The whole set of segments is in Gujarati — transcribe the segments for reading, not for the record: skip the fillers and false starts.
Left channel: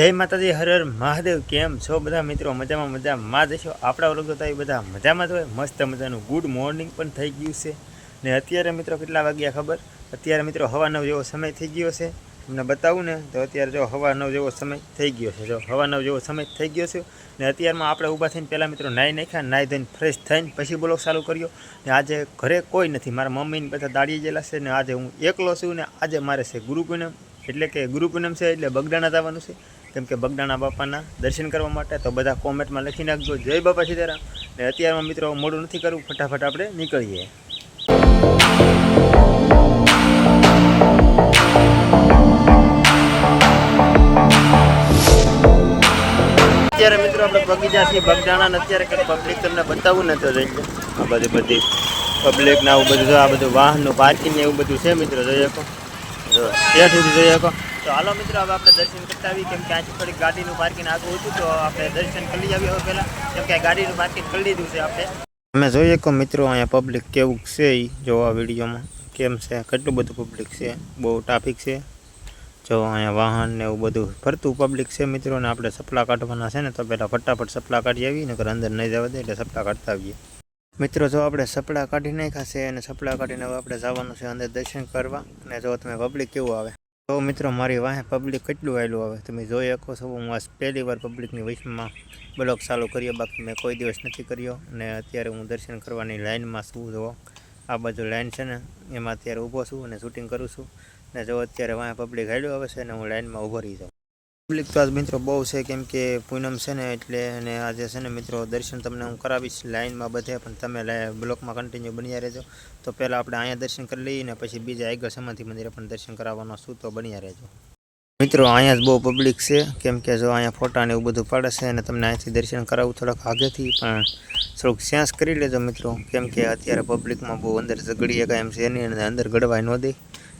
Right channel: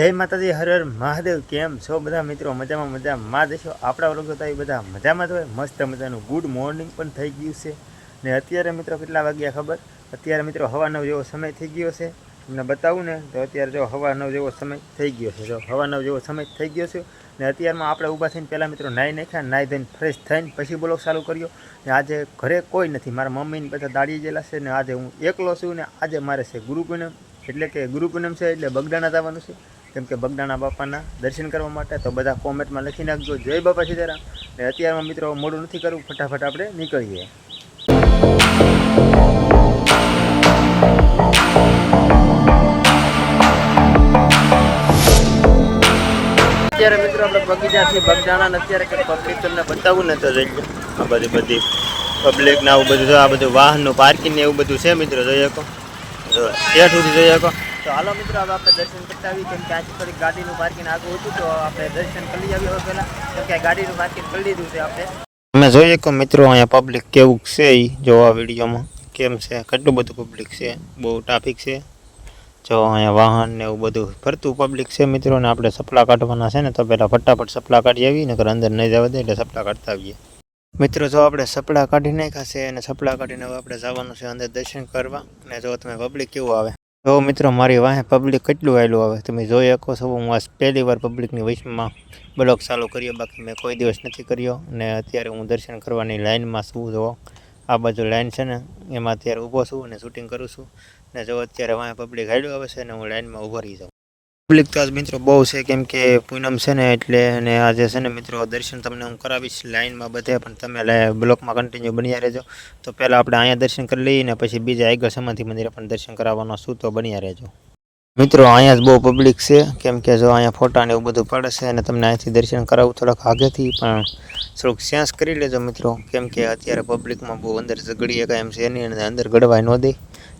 જય માતાજી, હર હર મહાદેવ। કેમ છો બધા મિત્રો? મજામાં જશો। આપણા વર્ગ તો બધા મજામાં જ હોય। મસ્ત મજાનું ગુડ મોર્નિંગ પણ થઈ ગયું છે ને અત્યારે મિત્રો કેટલા વાગ્યા ખબર? અત્યારે મિત્રો 9:15 જેવો સમય થઈ ગયો છે। તમને બતાવું ને તો અત્યારે જો 9:15 જેવો સમય થઈ ગયો છે। જો 9:15 જેવો સમય થઈ ગયો છે ને અત્યારમાં આપણે ઊભા થઈને પહેલાં મિત્રો નાહી નાખ્યા, નાહી ધોઈને ફ્રેશ થઈને પછી બ્લોગ ચાલુ કર્યો ને આજે ઘરે કોઈ નથી, મારા મમ્મીને બધા દાડીએ ગયેલા છે ને આજે હું એકલો છું ને આજે મારે છે ગુરુ પૂનમ, એટલે કે ગુરુ પૂનમ છે એટલે બગદાણા જવાનું છે, કેમ કે બગદાણા બાપાના દર્શન કરવા માટે। તો બધા કોમેન્ટમાં લખી નાખજો જય બાપા સીતારામ। ને અત્યારમાં મિત્રો મોડું નથી કરવું, ફટાફટ આપણે નીકળીએ। અત્યારે મિત્રો આપણે બગીચાથી બગદાણા અત્યારે કંઈક પબ્લિક તમને બતાવું ને તો જોઈ લો, આ બધી પબ્લિક ને આવું બધું, આ બધું વાહનનું પાર્કિંગ ને એવું બધું છે મિત્રો, જોઈ શકો ત્યાં સુધી જોઈ શકો। તો હાલો મિત્રો હવે આપણે દર્શન કરતા આવીએ, કેમ કે આજે થોડીક ગાડીનું પાર્કિંગ આગળ હતું તો આપણે દર્શન કરી લઈ આવીએ હવે પહેલાં, કેમ કે ગાડીનું પાર્કિંગ કરી લીધું છે આપણે। અમે જોઈએ કે મિત્રો અહીંયા પબ્લિક કેવું છે એ જોવા વિડીયોમાં કેમ છે, કેટલું બધું પબ્લિક છે, બહુ ટ્રાફિક છે। જો અહીંયા વાહન ને એવું બધું ફરતું પબ્લિક છે મિત્રો, ને આપણે સપલા કાઢવાના છે ને તો પહેલાં ફટાફટ સપલા કાઢી આવીએ, નકર અંદર નહીં જવા દે એટલે સપલા કાઢતા આવીએ મિત્રો। જો આપણે સપલા કાઢી નાખ્યા છે અને સપલા કાઢીને હવે આપણે જવાનું છે અંદર દર્શન કરવા। અને જો તમે પબ્લિક કેવું આવે તો મિત્રો મારી વાહે પબ્લિક કેટલું આવેલું આવે તમે જોઈ શકો છો। હું આ પહેલી વાર પબ્લિકની વચમાં બ્લોગ ચાલુ કર્યો, બાકી મેં કોઈ દિવસ નથી કર્યો। અને અત્યારે હું દર્શન કરવાની લાઇનમાં છું, જો આ બાજુ લાઇન છે ને એમાં અત્યારે ઊભો છું અને શૂટિંગ કરું છું ને જો અત્યારે વાહે પબ્લિક હાલ્યું આવે છે ને હું લાઇનમાં ઊભો રહી જાઉં। પબ્લિક તો આજ મિત્રો બહુ છે, કેમ કે પૂનમ છે ને એટલે, અને આજે છે ને મિત્રો દર્શન તમને હું કરાવીશ લાઇનમાં બધે, પણ તમે બ્લોકમાં કન્ટિન્યુ બન્યા રહેજો। તો પહેલાં આપણે અહીંયા દર્શન કરી લઈએ ને પછી બીજા આગળ સમાધિ મંદિરે પણ દર્શન કરાવવાનો છું, તો બન્યા રહેજો મિત્રો। અહીંયા જ બહુ પબ્લિક છે, કેમ કે જો અહીંયા ફોટા ને એવું બધું પડે છે અને તમને અહીંથી દર્શન કરાવું થોડાક આગેથી, પણ થોડુંક સેન્સ કરી લેજો મિત્રો, કેમ કે અત્યારે પબ્લિકમાં બહુ અંદર ઝઘડીએ કાંઈ એમ છે નહીં અને અંદર ગળવાય ન દે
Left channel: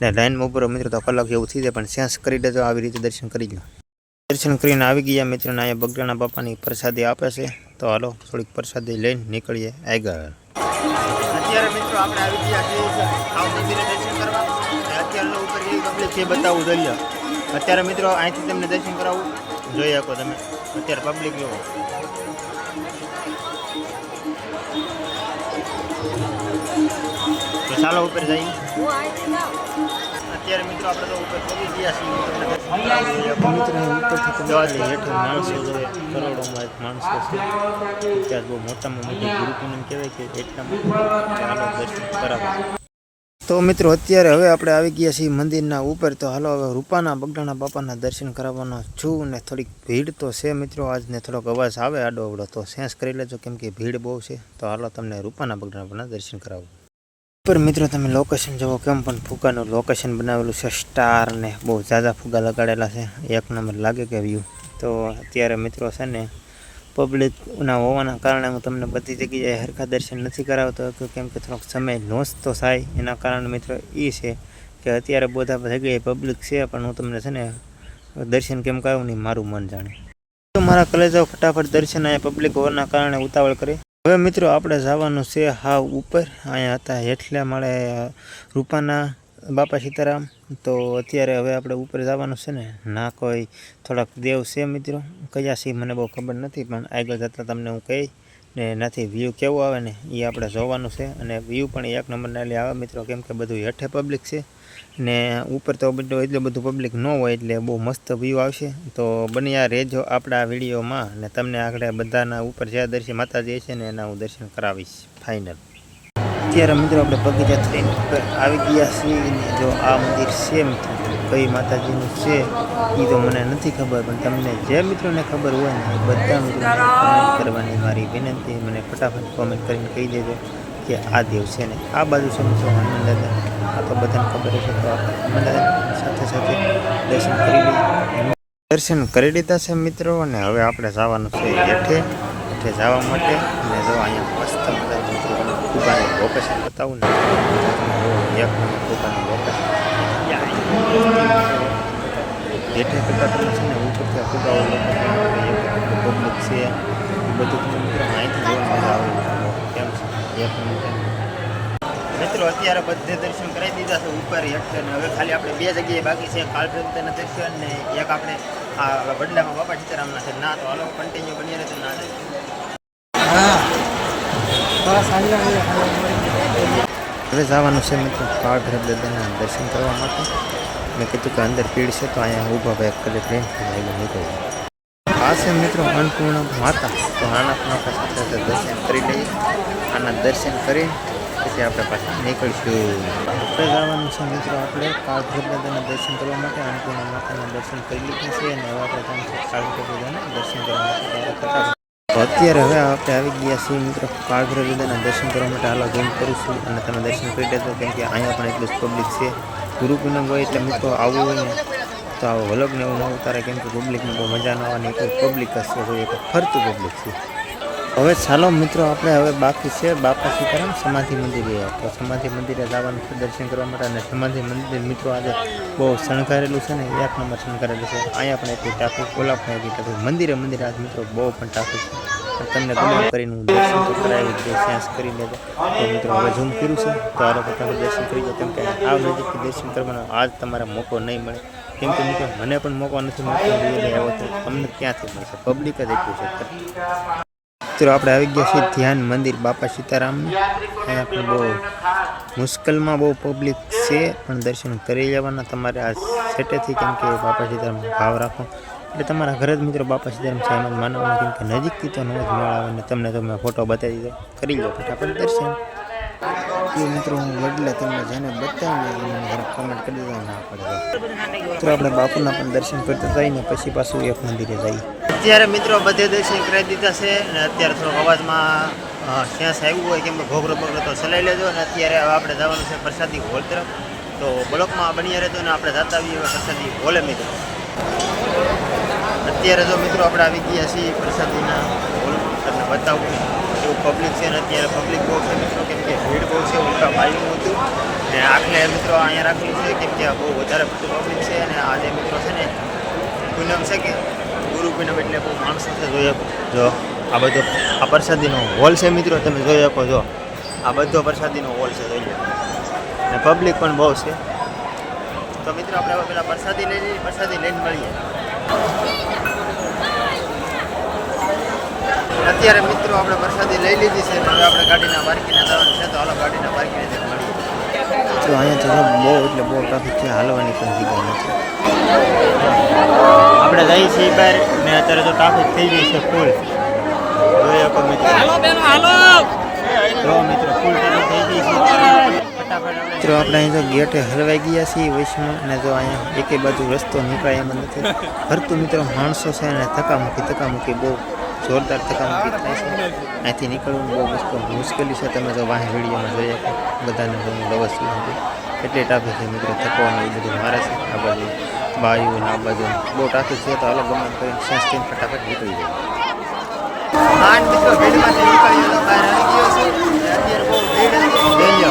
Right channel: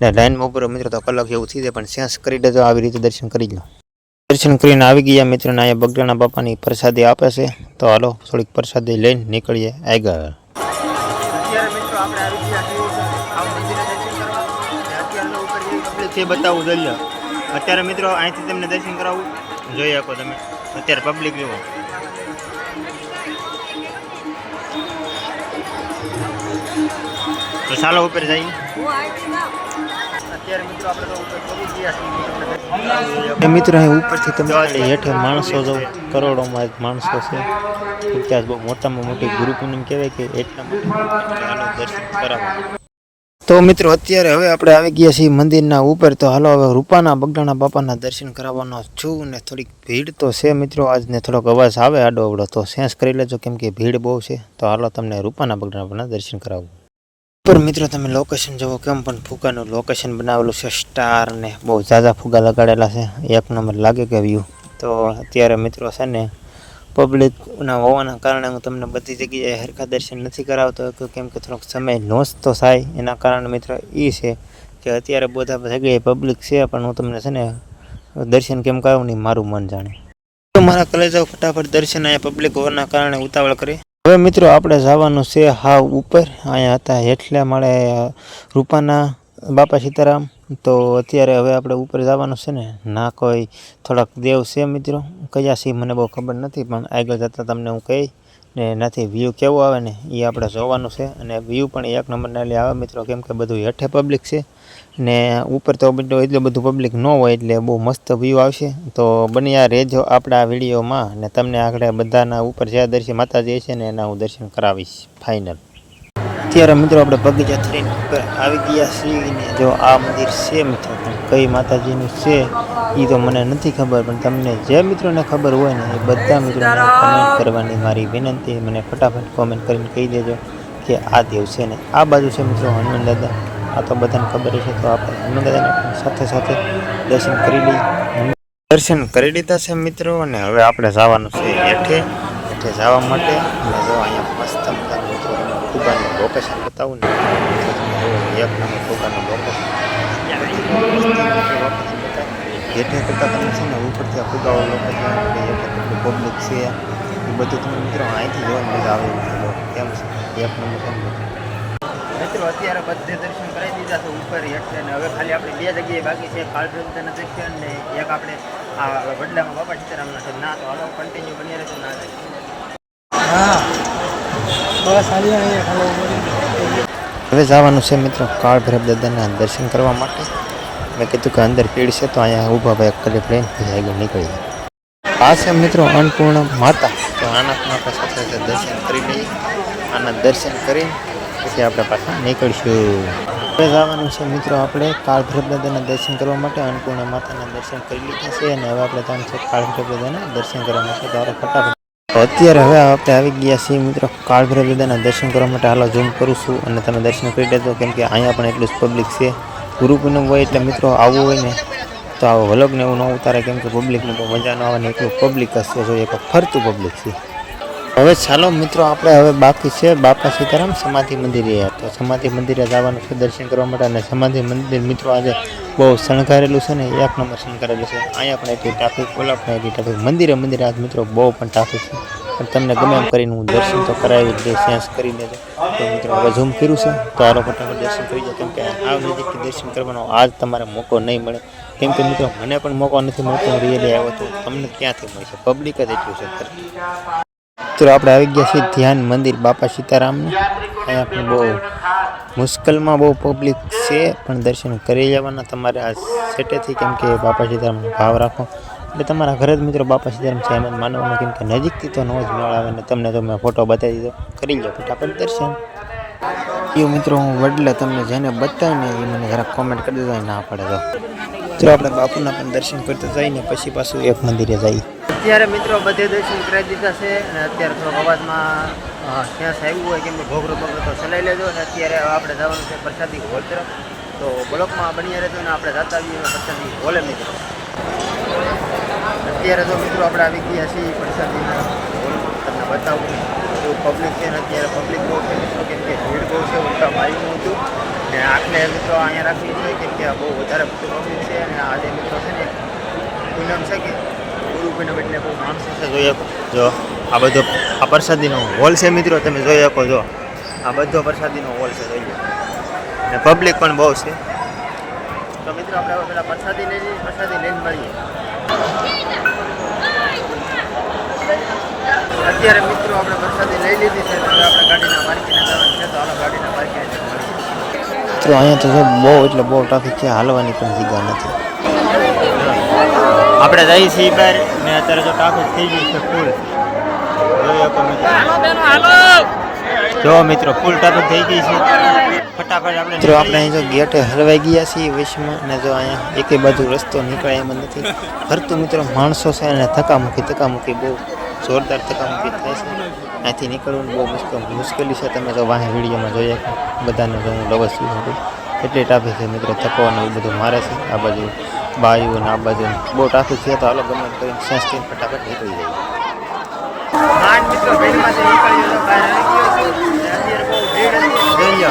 ને લાઇનમાં ઉપર મિત્રો તો કલાક જેવું થઈ જાય, પણ સેન્સ કરી લેજો, આવી રીતે દર્શન કરી લો। દર્શન કરીને આવી ગયા મિત્રોને અહીંયા બગદાણા બાપાની પ્રસાદી આપે છે, તો હાલો થોડીક પ્રસાદી લઈને નીકળીએ આગળ। અત્યારે મિત્રો આપણે આવી ગયા છીએ આ મંદિરે દર્શન કરવા, અને અત્યારે ઉપર એ પબ્લિક છે બતાવું જોઈએ। અત્યારે મિત્રો અહીંથી તમને દર્શન કરાવું, જોઈ શકો તમે અત્યારે પબ્લિક જુઓ। તો ચાલો ઉપર જઈએ। અત્યારે મિત્રો આપણે તો ઉપર પહોંચી ગયા છીએ મિત્રો, અહીં ઉપરથી તમે હેઠે માણસો જો કરોડોમાં એક માણસો છે, ત્યાં બહુ મોટામાં મોટી ગુરુ પૂનમ કહેવાય કે એટલા માટે દર્શન કરાવવા। તો મિત્રો અત્યારે હવે આપણે આવી ગયા છીએ મંદિરના ઉપર, તો હાલો હવે રૂપાના બગદાણા બાપાના દર્શન કરાવવાનો છું ને થોડીક ભીડ તો છે મિત્રો આજને, થોડોક અવાજ આવે આડો અવડો તો સેન્સ કરી લેજો, કેમ કે ભીડ બહુ છે। તો હાલો તમને રૂપાના બગદાણા બાપાના દર્શન કરાવું। ઉપર મિત્રો તમે લોકેશન જુઓ, કેમ પણ ફુગાનું લોકેશન બનાવેલું છે, સ્ટાર ને બહુ ઝાઝા ફુગા લગાડેલા છે, એક નંબર લાગે કે વ્યૂ। તો અત્યારે મિત્રો છે ને પબ્લિકના હોવાના કારણે હું તમને બધી જગ્યાએ હરખા દર્શન નથી કરાવતો, કેમ કે થોડોક સમય લોસ તો થાય એના કારણે મિત્રો એ છે કે અત્યારે બધા જગ્યાએ પબ્લિક છે, પણ હું તમને છે ને દર્શન કેમ કરાવું નહીં મારું મન જાણે। તો મારા કલેજાઓ ફટાફટ દર્શન અહીંયા પબ્લિક હોવાના કારણે ઉતાવળ કરે। હવે મિત્રો આપણે જવાનું છે હાવ ઉપર, અહીંયા હતા હેઠલા માળે રૂપાના બાપા સીતારામ, તો અત્યારે હવે આપણે ઉપર જવાનું છે ને, ના કોઈ થોડાક દેવ છે મિત્રો, કયા છે મને બહુ ખબર નથી, પણ આગળ જતાં તમને હું કહી ને એનાથી વ્યૂ કેવો આવે ને એ આપણે જોવાનું છે। અને વ્યૂ પણ એક નંબરના એટલે આવે મિત્રો, કેમ કે બધું હેઠે પબ્લિક છે ને ઉપર તો એટલું બધું પબ્લિક ન હોય એટલે બહુ મસ્ત વ્યૂ આવશે। તો બન્યા રહેજો આપણા વિડીયોમાં, ને તમને આગળ બધાના ઉપર જ્યાં દર્શન માતાજી છે ને એના હું દર્શન કરાવીશ ફાઇનલ। અત્યારે મિત્રો આપણે બગીચાથી ઉપર આવી ગયા છીએ ને જો આ મંદિર છે મિત્રો, કઈ માતાજીનું છે એ તો મને નથી ખબર, પણ તમને જે મિત્રોને ખબર હોય ને એ બધા મિત્રોને કોમેન્ટ કરવાની મારી વિનંતી, મને ફટાફટ કોમેન્ટ કરીને કહી દેજો કે આ દેવ છે ને આ બાજુ છે મિત્રો હનુમાન દાદા, આ તો બધાને ખબર છે। તો આપણે હનુમાન દાદાની સાથે સાથે દર્શન કરી લઈએ। દર્શન કરી લીધા છે મિત્રો, અને હવે આપણે જવાનું છે હેઠે જવા માટે। અને જો અહીંયા મસ્ત મજાનું મિત્રો ફુગાનું લોકેશન બતાવું ને, એક નંબર ફુગાનું લોકેશન હેઠે કરતાં તમને છે ને ઉપરથી આ ફુગાવાળું લોકેશન પબ્લિક છે એ બધું તમને મિત્રો અહીંથી જોવાની મજા આવે કેમ છે એક નંબર મિત્રો। અત્યારે બધે દર્શન કરાવી દીધા છે ઉપર હેઠે, ને હવે ખાલી આપણે બે જગ્યાએ બાકી છે, કાળભૈરવના દર્શન ને એક આપણે આ વડલામાં બાપા સીતારામના છે ના તો હાલો કન્ટિન્યુ બની રહે તો ના જાય. હવે જવાનું છે મિત્રો કાળ ભૈરવ દાદાના દર્શન કરવા માટે. મેં કીધું કે અંદર પીડ છે તો અહીંયા ઊભા ભાઈ કલે પ્લેન આગળ નીકળી. આ છે મિત્રો અન્નપૂર્ણા માતા. તો આના માતા સાથે દર્શન કરી લઈએ. આના દર્શન કરી પછી આપણે પાછા નીકળીશું. હવે જવાનું છે મિત્રો આપણે કાળ ભૈરવ દાદાના દર્શન કરવા માટે. અન્નપૂર્ણા માતાના દર્શન કરી લીધા છે અને હવે આપણે ત્યાં છે કાળ ભૈરવ દાદાના દર્શન કરવા માટે. તો ફટાફટ અત્યારે હવે આપણે આવી ગયા છીએ મિત્રો કાળ ભૈરવ દાદાના દર્શન કરવા માટે. હાલો ઝૂમ કરું છું અને તમે દર્શન કરી લેજો કેમ કે અહીંયા પણ એટલું જ પબ્લિક છે. ગુરુ પૂનમ હોય એટલે મિત્રો આવવું હોય ને તો આવો વ્લોગને એવું ન ઉતારે કેમ કે પબ્લિકને બહુ મજા ન આવે ને એટલું પબ્લિક હશે જોઈએ એક ફરતું પબ્લિક છે. હવે ચાલો મિત્રો આપણે હવે બાકી છે બાપા સીતારામ સમાધિ મંદિરે. તો સમાધિ મંદિરે જવાનું છે દર્શન કરવા માટે. અને સમાધિ મંદિર મિત્રો આજે બહુ શણગારેલું છે ને એક નંબર શણગારેલું છે. અહીંયા પણ એટલી ટ્રાફિક ઓલા પણ એટલી ટ્રાફિક. મંદિરે આજ મિત્રો બહુ પણ ટ્રાફિક છે. પણ તમને ગમે એમ કરીને હું દર્શન તો કરાવી દે સેન્સ કરી લેજો. તો મિત્રો હવે ઝૂમ કર્યું છે તો આરો ફટાફટ દર્શન કરી જાઓ કેમ કે આ નજીકથી દર્શન કરવાનો આજ તમારે મોકો નહીં મળે કેમ કે મિત્રો મને પણ મોકો નથી મળતો. રિયલી આવ્યો તો તમને ક્યાંથી મળશે પબ્લિક જ એટલું છે. મિત્રો આપણે આવી ગયા છીએ ધ્યાન મંદિર બાપા સીતારામનું. અહીંયા પણ બહુ મુશ્કેલમાં બહુ પબ્લિક છે પણ દર્શન કરી જવાના તમારે આ સેટેથી કેમ કે બાપા સીતારામનો ભાવ રાખો એટલે તમારા ઘરે જ મિત્રો બાપા સીતારામ છે એમ જ માનવાનું કેમ કે નજીકથી તો ન જ મેળ આવે ને તમને તો મેં ફોટો બતાવી દીધો કરી લો ફટાફટ દર્શન. એ મિત્રો હું વડલે તમને જેને બતાવીને એ મને જરાક કોમેન્ટ કરી દીધો ના પડે તો આપણે બાપુના પણ દર્શન કરતા જઈને પછી પાછું એક મંદિરે જઈએ. અત્યારે મિત્રો બધે દર્શન કરાવી દીધા છે અને અત્યારે થોડોક અવાજમાં સેન્સ આવ્યું હોય કેમ કે ઘોઘરો બગડો તો ચલાવી લેજો. અને અત્યારે આપણે જવાનું છે પ્રસાદી હોલ તરફ. તો બ્લોકમાં બની રહેતો ને આપણે જતા આવીએ પ્રસાદી હોલે મિત્રો. અત્યારે તો મિત્રો આપણે આવી ગયા છીએ પ્રસાદીના હોલમાં. તમને બતાવું નહીં એવું પબ્લિક છે ને અત્યારે પબ્લિક બહુ છે મિત્રો કેમ કે ભીડ બહુ છે. ઉલટા બાયું હતું ને આખલે મિત્રો અહીંયા રાખેલું છે કેમ કે બહુ વધારે પડતું પબ્લિક છે. અને આજે મિત્રો છે ને પૂનમ છે કે ગુરુ પૂનમ એટલે બહુ માણસો છે જોઈ શકો. જો આ બધો આ પ્રસાદીનો હોલ છે મિત્રો તમે જોઈ શકો. જો આ બધો પ્રસાદીનો હોલ છે જોઈ લો ને પબ્લિક પણ બહુ છે. તો મિત્રો આપણે હવે પેલા પ્રસાદી લઈ લઈએ પ્રસાદી લઈને મળીએ. અત્યારે મિત્રો આપણે પ્રસાદી લઈ લીધી છે ને હવે આપણે ગાડીના પાર્કિંગને જવાનું છે. તો હાલો ગાડીના પાર્કિંગને મળીએ. મિત્રો અહીંયા તો બહુ એટલે બહુ ટ્રાફિક છે હાલવાની પણ જગ્યા નથી. આપણે જઈએ છીએ બહાર ને અત્યારે તો ટ્રાફિક થઈ ગઈ છે ફૂલ જોઈ શકો મિત્રો. જો મિત્રો ફૂલ ટ્રાફિક થઈ ગઈ છે ફટાફટ આપણે મિત્રો આપણે અહીં જો ગેટે હલવાઈ ગયા છીએ વૈશમાં અને જો અહીંયા એકે બાજુ રસ્તો નીકળે એમ નથી ફરતું મિત્રો માણસો છે અને ધક્કામુક્કી બહુ જોરદાર ધક્કામુક્કી થાય છે. અહીંથી નીકળવું બહુ મુશ્કેલી છે. તમે જો વાહન વિડીયોમાં જોઈએ બધાને જો હું લવસ છું એટલી ટ્રાફિક છે મિત્રો. થકો અને એવું બધું મારે છે આ બાજુ બાજુ અને આ બાજુ બહુ ટ્રાફિક છે. તો હાલો ગમે કરીને સેન્સથી ફટાફટ નીકળી જાય. હા મિત્રો ભીડમાંથી નીકળી ગયો બહાર આવી ગયો છું અત્યારે બહુ ભીડ હતી જોઈ લો.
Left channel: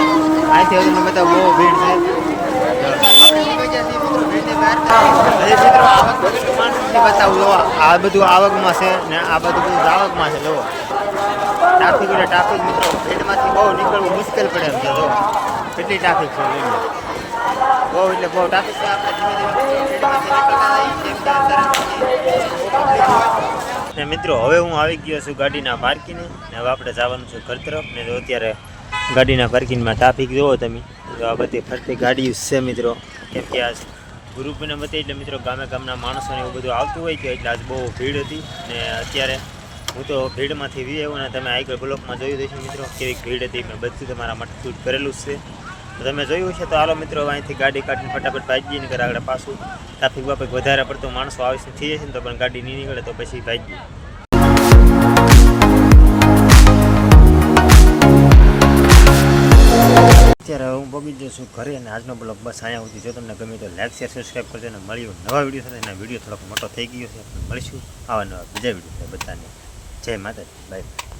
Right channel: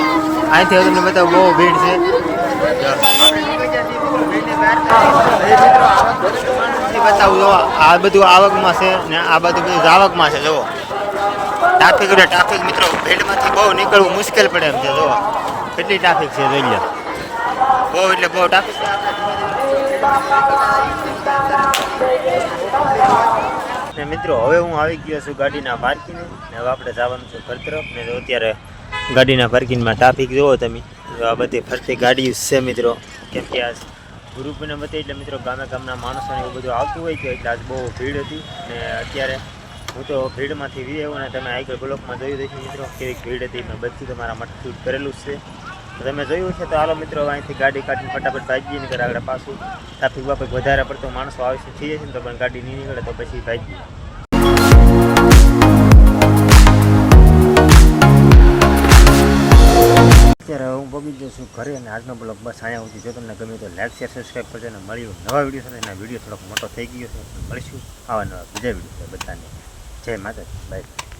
અહીંથી હવે તમે બધા બહુ ભીડ છે. આપણે નીકળી ગયા છીએ મિત્રો ભીડની બહાર. મિત્રો આવક કેટલું માણસથી બતાવું જો આ બધું આવકમાં છે ને આ બધું જાવકમાં છે. જુઓ ટ્રાફિક એટલે ટ્રાફિક મિત્રો ભીડમાંથી બહુ નીકળવું મુશ્કેલ પડે એમ છે. જુઓ કેટલી ટ્રાફિક છે જોઈ લો. બહુ એટલે બહુ ટ્રાફિક છે. આપણે ધીમે ધીમે ભીડમાંથી નીકળતા જઈએ કેમ કે અત્યારે ને મિત્રો હવે હું આવી ગયો છું ગાડીના પાર્કિંગ ને હવે આપણે જવાનું છે ઘર તરફ. ને અત્યારે ગાડીના પાર્કિંગમાં ટ્રાફિક જોવો તમે. આ બધી ફરતી ગાડી છે મિત્રો કેમ કે આજ ગુરુ પૂનમ હતી એટલે મિત્રો ગામના માણસોને એવું બધું આવતું હોય કે એટલે આજ બહુ ભીડ હતી. ને અત્યારે હું તો ભીડમાંથી વી આવ્યો ને તમે આગળ બ્લોકમાં જોયું દઈશું મિત્રો કેવી ભીડ હતી. મેં બધું તમારા માટે શૂટ કરેલું જ છે તો તમે જોયું છે. તો હાલો મિત્રો અહીંથી ગાડી કાઢીને ફટાફટ ભાગીએ ને આગળ પાછું ટ્રાફિક બાફિક વધારે પડતો માણસો આવી થઈ જશે ને તો પણ ગાડી નહીં નીકળે તો પછી ભાગીએ. અત્યારે હું પગી જઉં છું ઘરે અને આજનો બ્લોગ બસ અહીંયા સુધી. જો તમને ગમે તો લાઈક શેર સબસ્ક્રાઈબ કરજો અને મળ્યું નવા વિડીયો સાથે. વિડીયો થોડોક મોટો થઈ ગયો છે મળીશું આવા નવા બીજા વિડીયો બધાને. જય માતાજી બાય.